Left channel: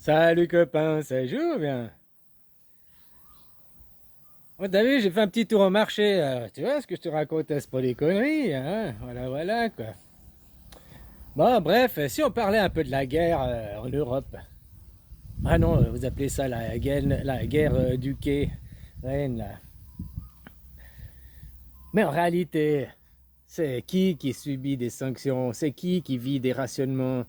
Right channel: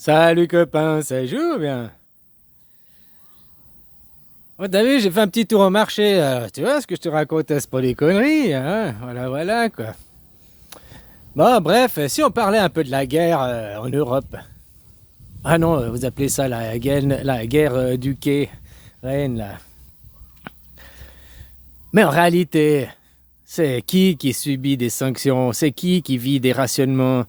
Salut copain, ça joue bien. Oh, t'as vu, j'ai fait un petit tour au marché. Tu vois ce que je te raconte, c'est pas des conneries, hein? Voilà, voilà, quoi. Bon, bref, si on parlait un peu de la guerre en Europe. Ah non, vous appelez ça la guerre du quai, Reine, là. Mais en réalité, c'est qui subit des sanctions? C'est qui vit des rationnements?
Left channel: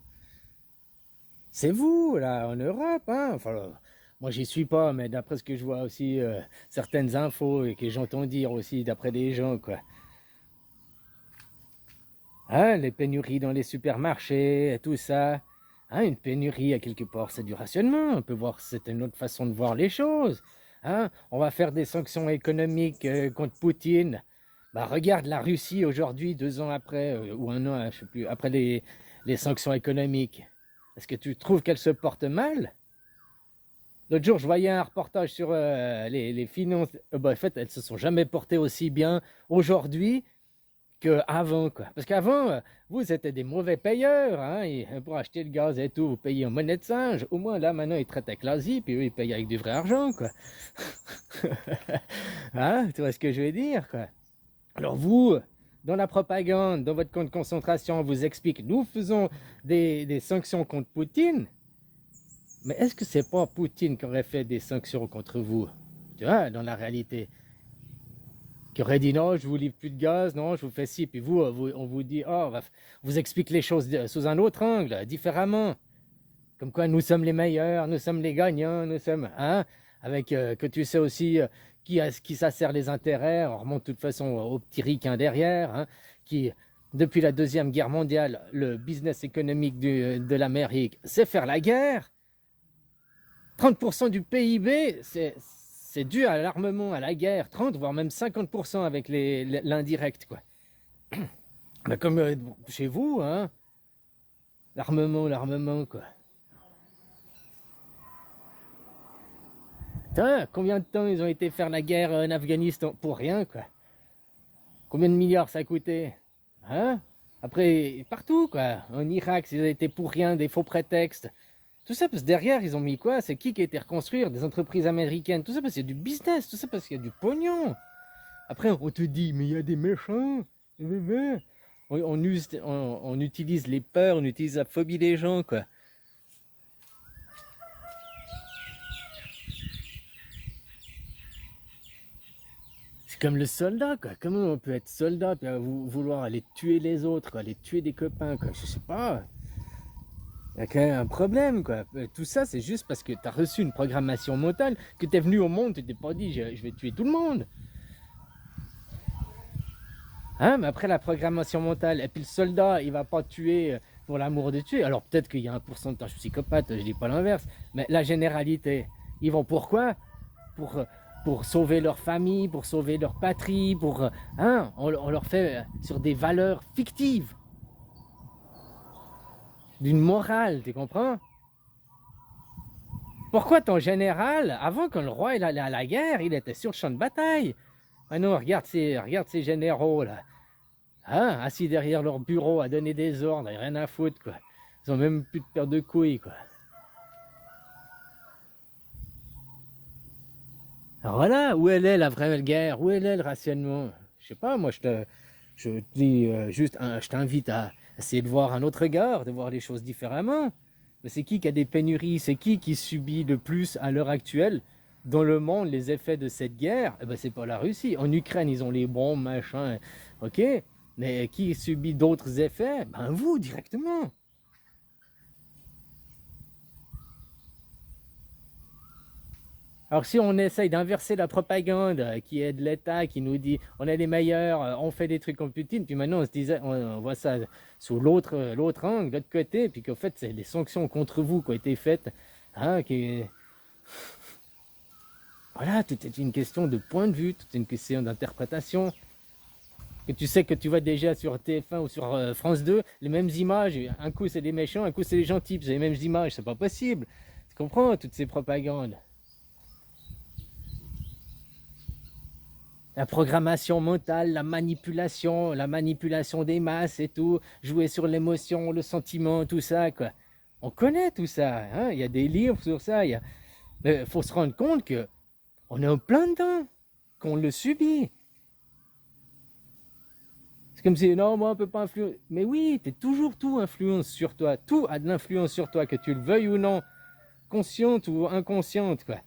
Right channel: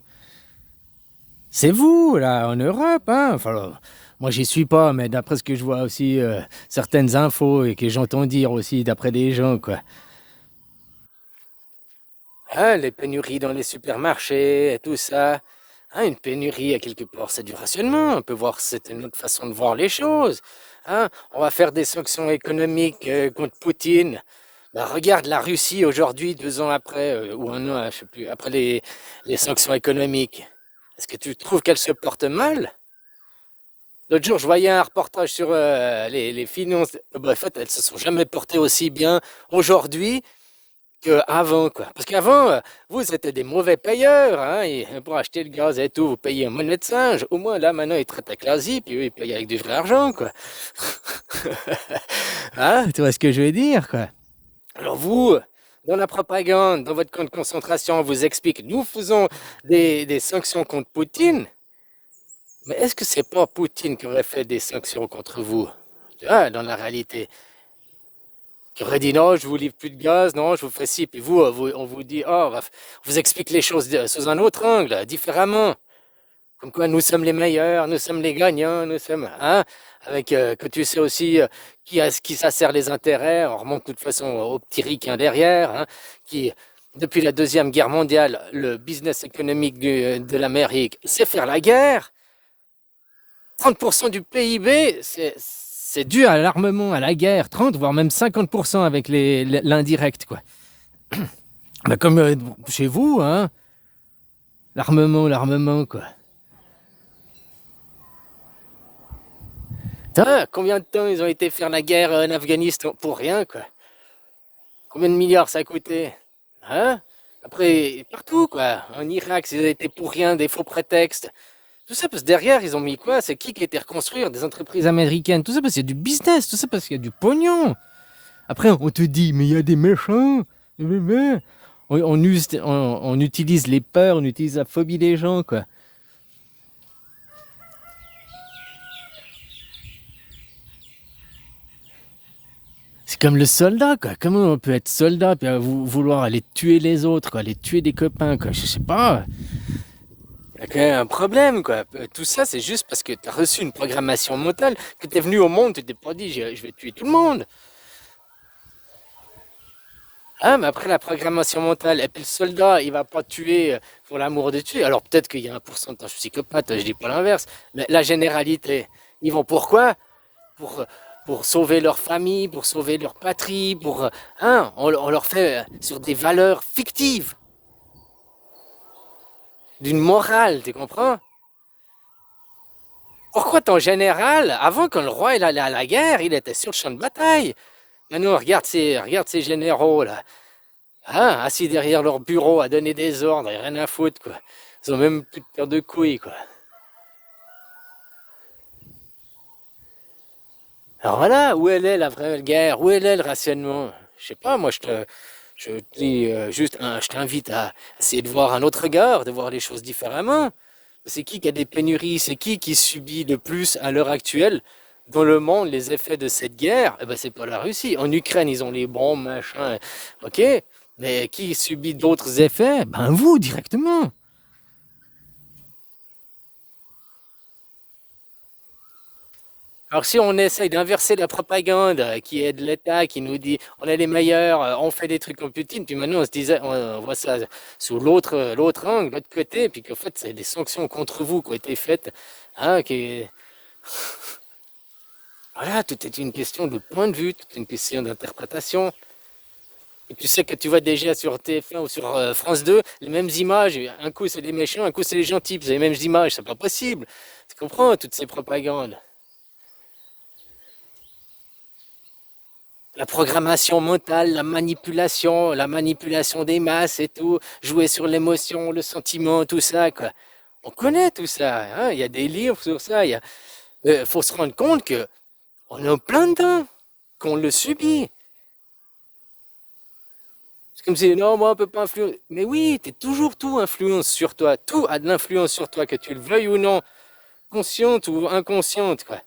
C'est vous, là, en Europe, hein? Enfin, moi, j'y suis pas, mais d'après ce que je vois aussi, certaines infos et que j'entends dire aussi d'après des gens, quoi. Hein, les pénuries dans les supermarchés et tout ça. Hein, une pénurie, à quelque part, c'est du rationnement. On peut voir, c'est une autre façon de voir les choses. Hein, on va faire des sanctions économiques contre Poutine. Bah, regarde la Russie aujourd'hui, 2 ans après, ou un an, je sais plus, après les sanctions économiques. Est-ce que tu trouves qu'elle se porte mal? L'autre jour, je voyais un reportage sur les finances. Bah, en fait, elles se sont jamais portées aussi bien aujourd'hui qu'avant, quoi. Parce qu'avant, vous, c'était des mauvais payeurs, hein, et pour acheter le gaz et tout, vous payez en monnaie de singe. Au moins, là, maintenant, ils traitent avec l'Asie, puis eux, ils payent avec du vrai argent, quoi. Hein, tu vois ce que je veux dire, quoi. Alors vous, dans la propagande, dans votre camp de concentration, on vous explique, nous faisons des sanctions contre Poutine, mais est-ce que c'est pas Poutine qui aurait fait des sanctions contre vous? Tu vois, dans la réalité. Qui aurait dit non, je vous livre plus de gaz, non, je vous fais ci, puis vous, on vous dit, oh, on vous explique les choses sous un autre angle, différemment. Comme quoi nous sommes les meilleurs, nous sommes les gagnants, nous sommes, hein, avec que tu sais aussi qui ça sert les intérêts, on remonte de toute façon au petit ricain derrière, hein, qui, depuis la Deuxième Guerre mondiale, le business économique de l'Amérique, c'est faire la guerre. 30% du PIB, c'est dû à l'armement, à la guerre. 30, voire même 50% avec l'indirect, quoi. Bah, comme chez vous, hein. L'armement, quoi. Putain, combien de temps ils ont été faire la guerre en Afghanistan pour rien, quoi. Combien de milliards ça a coûté? Hein? Après, partout, quoi. En Irak, ça a été pour rien, des faux prétextes. Tout ça parce que derrière, ils ont mis quoi? C'est qui a été reconstruire? Des entreprises américaines. Tout ça parce qu'il y a du business. Tout ça parce qu'il y a du pognon. Après, on te dit, mais il y a des méchants. On utilise les peurs, on utilise la phobie des gens, quoi. C'est comme le soldat, quoi. Comment on peut être soldat et vouloir aller tuer les autres, quoi, aller tuer des copains, quoi. Je sais pas. Il y a quand même un problème, quoi. Tout ça, c'est juste parce que tu as reçu une programmation mentale, que tu es venu au monde, tu t'es pas dit, je vais tuer tout le monde. Hein, mais après la programmation mentale, et puis le soldat, il va pas tuer pour l'amour de tuer. Alors peut-être qu'il y a un pourcentage psychopathe, je dis pas l'inverse, mais la généralité, ils vont pourquoi? Pour, pour sauver leur famille, pour sauver leur patrie, hein, on leur fait sur des valeurs fictives, d'une morale, tu comprends? Pourquoi ton général, avant quand le roi il allait à la guerre, il était sur le champ de bataille? Maintenant, regarde ces généraux là. Hein, assis derrière leur bureau à donner des ordres et rien à foutre, quoi. Ils ont même plus de paire de couilles, quoi. Alors voilà, où elle est la vraie guerre? Où elle est le rationnement? Je sais pas, moi je te dis juste, je t'invite à essayer de voir un autre regard, de voir les choses différemment. Mais c'est qui a des pénuries? C'est qui subit le plus à l'heure actuelle dans le monde les effets de cette guerre? Eh ben c'est pas la Russie. En Ukraine, ils ont les bombes, machin, ok. Mais qui subit d'autres effets? Ben vous, directement. Alors si on essaye d'inverser la propagande qui est de l'État, qui nous dit on est les meilleurs, on fait des trucs comme Poutine, puis maintenant on voit ça sous l'autre angle, l'autre côté, puis qu'en fait c'est des sanctions contre vous qui ont été faites, hein, voilà, tout est une question de point de vue, tout est une question d'interprétation. Et tu sais que tu vois déjà sur TF1 ou sur France 2 les mêmes images, un coup c'est les méchants, un coup c'est les gentils, puis c'est les mêmes images, c'est pas possible. Tu comprends toutes ces propagandes? La programmation mentale, la manipulation des masses et tout, jouer sur l'émotion, le sentiment, tout ça, quoi. On connaît tout ça, hein. Il y a des livres sur ça. Il faut se rendre compte que on est en plein dedans, qu'on le subit. C'est comme si, non, moi, on peut pas influencer. Mais oui, t'es toujours tout influence sur toi. Tout a de l'influence sur toi, que tu le veuilles ou non, consciente ou inconsciente, quoi.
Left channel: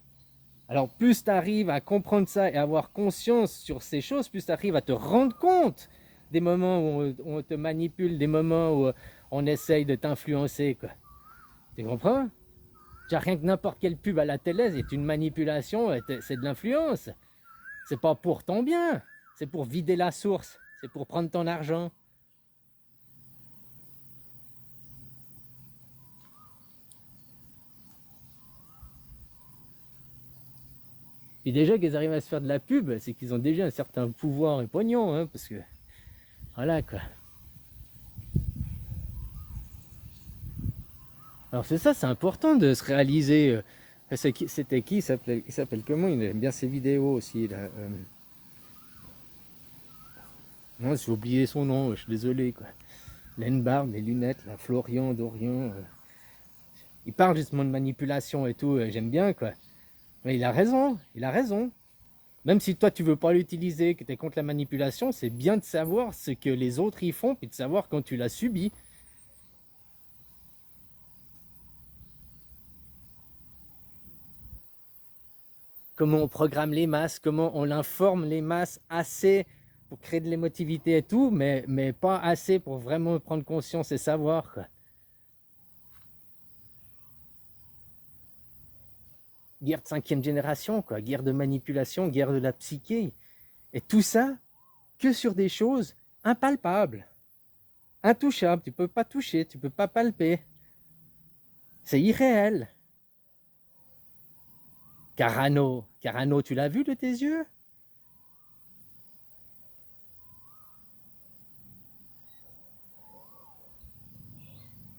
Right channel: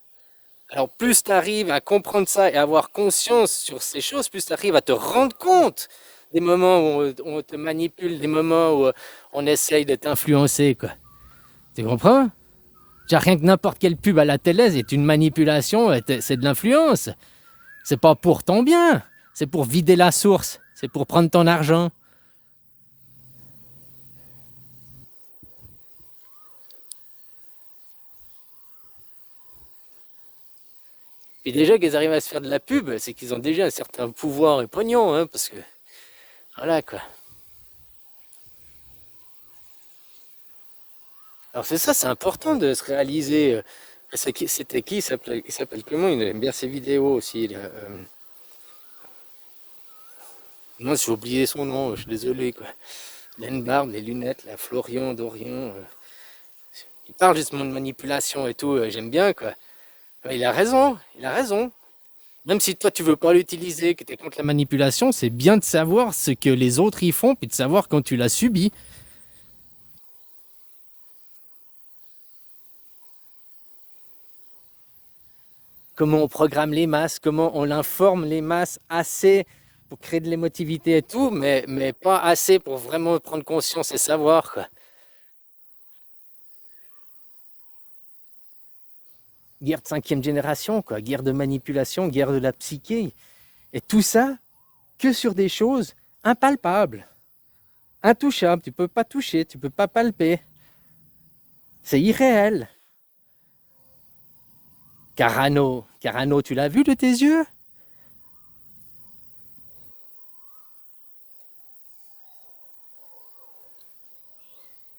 Alors, plus tu arrives à comprendre ça et à avoir conscience sur ces choses, plus tu arrives à te rendre compte des moments où on te manipule, des moments où on essaye de t'influencer, quoi. Tu comprends? Rien que n'importe quelle pub à la télé est une manipulation, c'est de l'influence. C'est pas pour ton bien, c'est pour vider la source, c'est pour prendre ton argent. Puis déjà qu'ils arrivent à se faire de la pub, c'est qu'ils ont déjà un certain pouvoir et pognon, hein, parce que voilà quoi. Alors c'est ça, c'est important de se réaliser. C'était qui? Il s'appelle comment? Il aime bien ses vidéos aussi. Là. Non, j'ai oublié son nom, je suis désolé quoi. Laine Barbe, les lunettes, la Florian, Dorian. Il parle justement de manipulation et tout, j'aime bien quoi. Ouais, il a raison, il a raison. Même si toi tu veux pas l'utiliser, que tu es contre la manipulation, c'est bien de savoir ce que les autres y font, puis de savoir quand tu l'as subi. Comment on programme les masses, comment on informe les masses assez pour créer de l'émotivité et tout, mais pas assez pour vraiment prendre conscience et savoir quoi. Guerre de cinquième génération, quoi, guerre de manipulation, guerre de la psyché. Et tout ça que sur des choses impalpables, intouchables, tu peux pas toucher, tu peux pas palper. C'est irréel. Carano, tu l'as vu de tes yeux?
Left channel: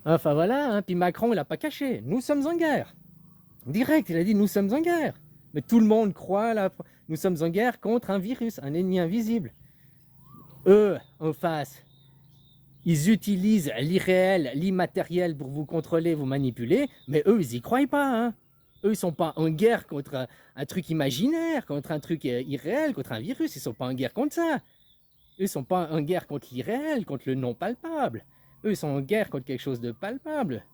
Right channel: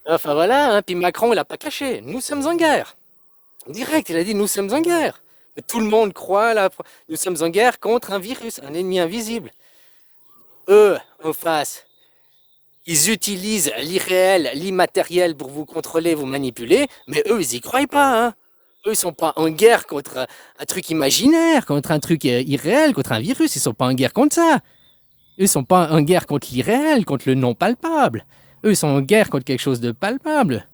Enfin voilà, hein, puis Macron, il a pas caché. Nous sommes en guerre. Direct, il a dit nous sommes en guerre. Mais tout le monde croit là. Nous sommes en guerre contre un virus, un ennemi invisible. Eux, en face, ils utilisent l'irréel, l'immatériel pour vous contrôler, vous manipuler, mais eux, ils y croient pas. Hein. Eux, ils sont pas en guerre contre un truc imaginaire, contre un truc irréel, contre un virus. Ils sont pas en guerre contre ça. Eux, ils sont pas en guerre contre l'irréel, contre le non palpable. Eux, ils sont en guerre contre quelque chose de palpable.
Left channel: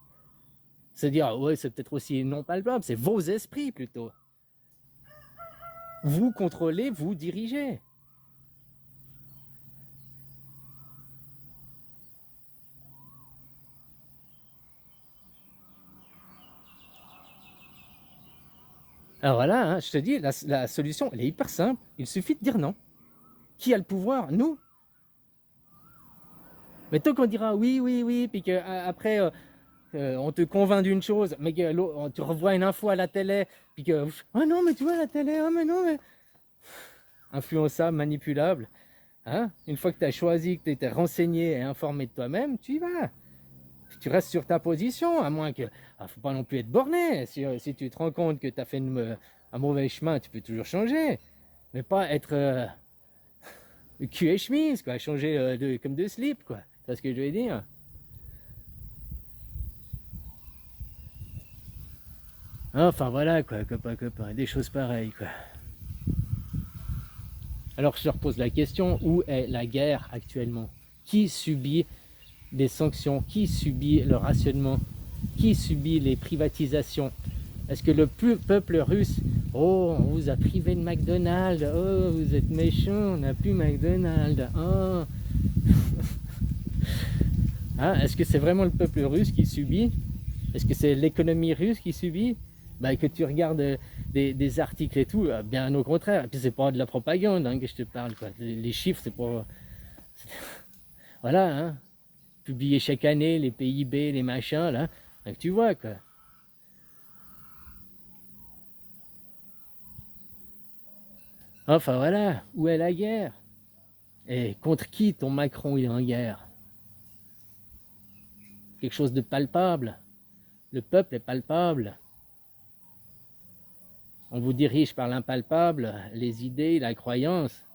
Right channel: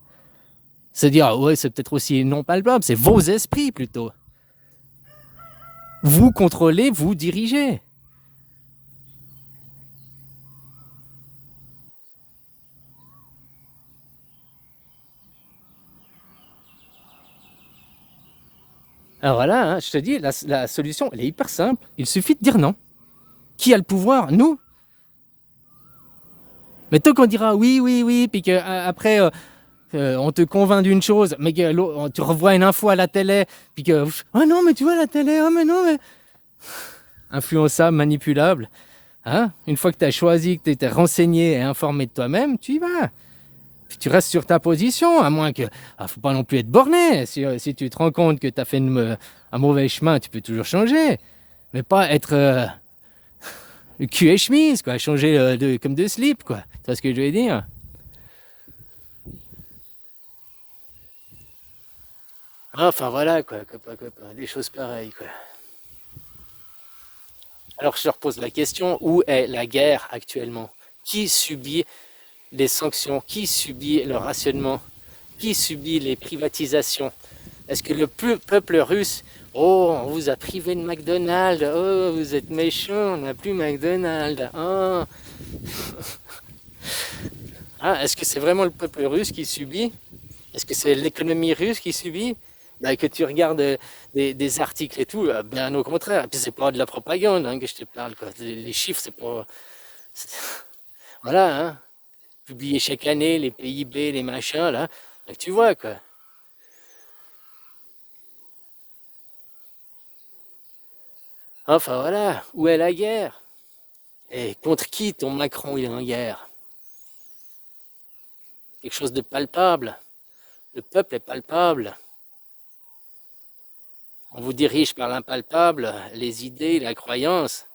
C'est-à-dire, ouais, c'est peut-être aussi non palpable, c'est vos esprits plutôt. Vous contrôlez, vous dirigez. Alors voilà, hein, je te dis, la solution, elle est hyper simple. Il suffit de dire non. Qui a le pouvoir? Nous. Mais tant qu'on dira oui, oui, oui, puis qu'après, on te convainc d'une chose, mais que tu revois une info à la télé, puis que, oh non, mais tu vois la télé, oh mais non, mais... Influençable, manipulable. Hein? Une fois que tu as choisi, que tu étais renseigné et informé de toi-même, tu y vas. Puis tu restes sur ta position, à moins que... faut pas non plus être borné. Si tu te rends compte que tu as fait un mauvais chemin, tu peux toujours changer. Mais pas être cul et chemise, quoi. Changer comme de slip, quoi. Tu vois ce que je veux dire? Enfin voilà, quoi, copain, des choses pareilles, quoi. Alors je te repose la question, où est la guerre actuellement? Qui subit les sanctions? Qui subit le rationnement? Qui subit les privatisations? Est-ce que le peuple russe, oh, on vous a privé de McDonald's, oh, vous êtes méchants, on n'a plus McDonald's, oh. Hein, est-ce que c'est vraiment le peuple russe qui subit? Est-ce que c'est l'économie russe qui subit? Ben, que tu regardes des articles et tout, bien au contraire. Et puis c'est pas de la propagande hein, que je te parle. Quoi. Les chiffres, c'est pas... Voilà, hein. Publié chaque année, les PIB, les machins, là. Donc tu vois, quoi. Enfin voilà, où est la guerre? Et contre qui ton Macron il est en guerre? Quelque chose de palpable. Le peuple est palpable. On vous dirige par l'impalpable, les idées, la croyance.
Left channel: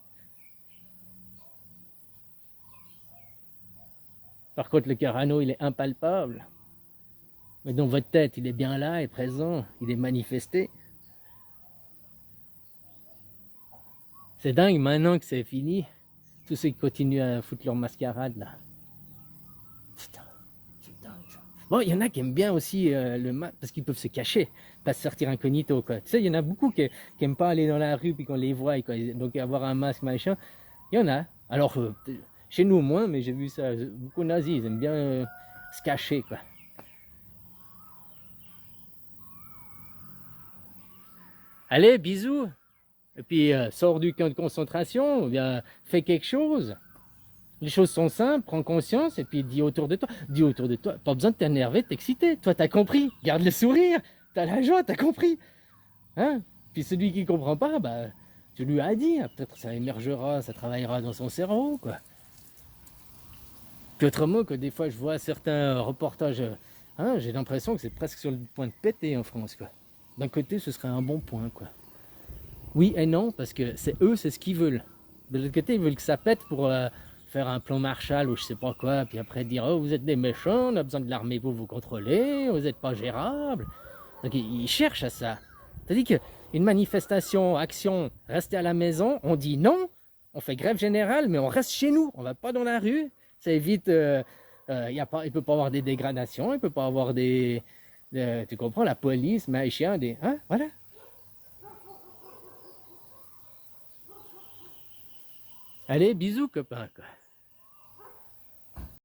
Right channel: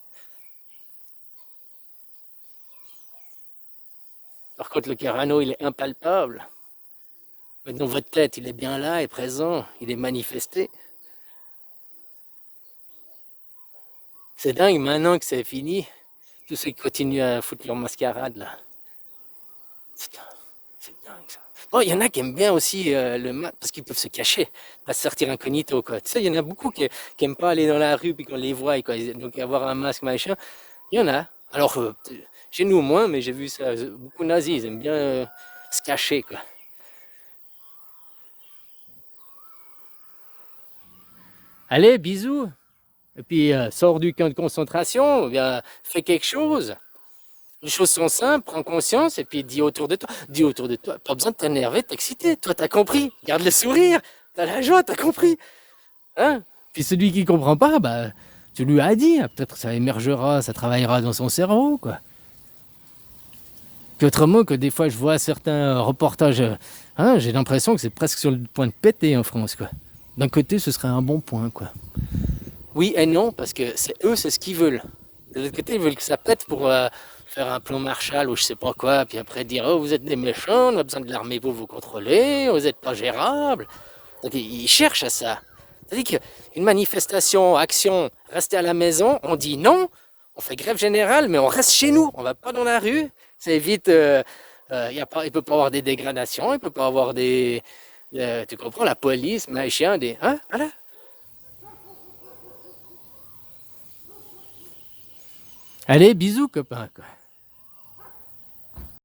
Par contre, le Carano, il est impalpable. Mais dans votre tête, il est bien là et présent, il est manifesté. C'est dingue, maintenant que c'est fini, tous ceux qui continuent à foutre leur mascarade là. Putain, c'est dingue ça. Bon, il y en a qui aiment bien aussi le masque parce qu'ils peuvent se cacher, pas sortir incognito quoi. Tu sais, il y en a beaucoup qui aiment pas aller dans la rue puis qu'on les voit, quoi. Donc avoir un masque machin, il y en a. Alors chez nous moins, mais j'ai vu ça. Beaucoup de nazis, ils aiment bien se cacher quoi. Allez, bisous. Et puis sors du camp de concentration, bien, fais quelque chose. Les choses sont simples, prends conscience et puis dis autour de toi. Dis autour de toi, pas besoin de t'énerver, de t'exciter. Toi, t'as compris. Garde le sourire, t'as la joie, t'as compris. Hein? Puis celui qui comprend pas, bah, tu lui as dit. Peut-être ça émergera, ça travaillera dans son cerveau, quoi. Puis autrement que des fois, je vois certains reportages, hein, j'ai l'impression que c'est presque sur le point de péter en France, quoi. D'un côté, ce serait un bon point, quoi. Oui et non, parce que c'est eux, c'est ce qu'ils veulent. De l'autre côté, ils veulent que ça pète pour faire un plan Marshall ou je sais pas quoi, puis après dire oh vous êtes des méchants, on a besoin de l'armée pour vous contrôler, vous n'êtes pas gérables. Donc ils cherchent à ça. C'est-à-dire qu'une manifestation, action, rester à la maison, on dit non, on fait grève générale, mais on reste chez nous, on va pas dans la rue. Ça évite, il peut pas avoir des dégradations, il peut pas avoir des, tu comprends, la police, machin, des, hein, voilà. Allez, bisous, copain, quoi.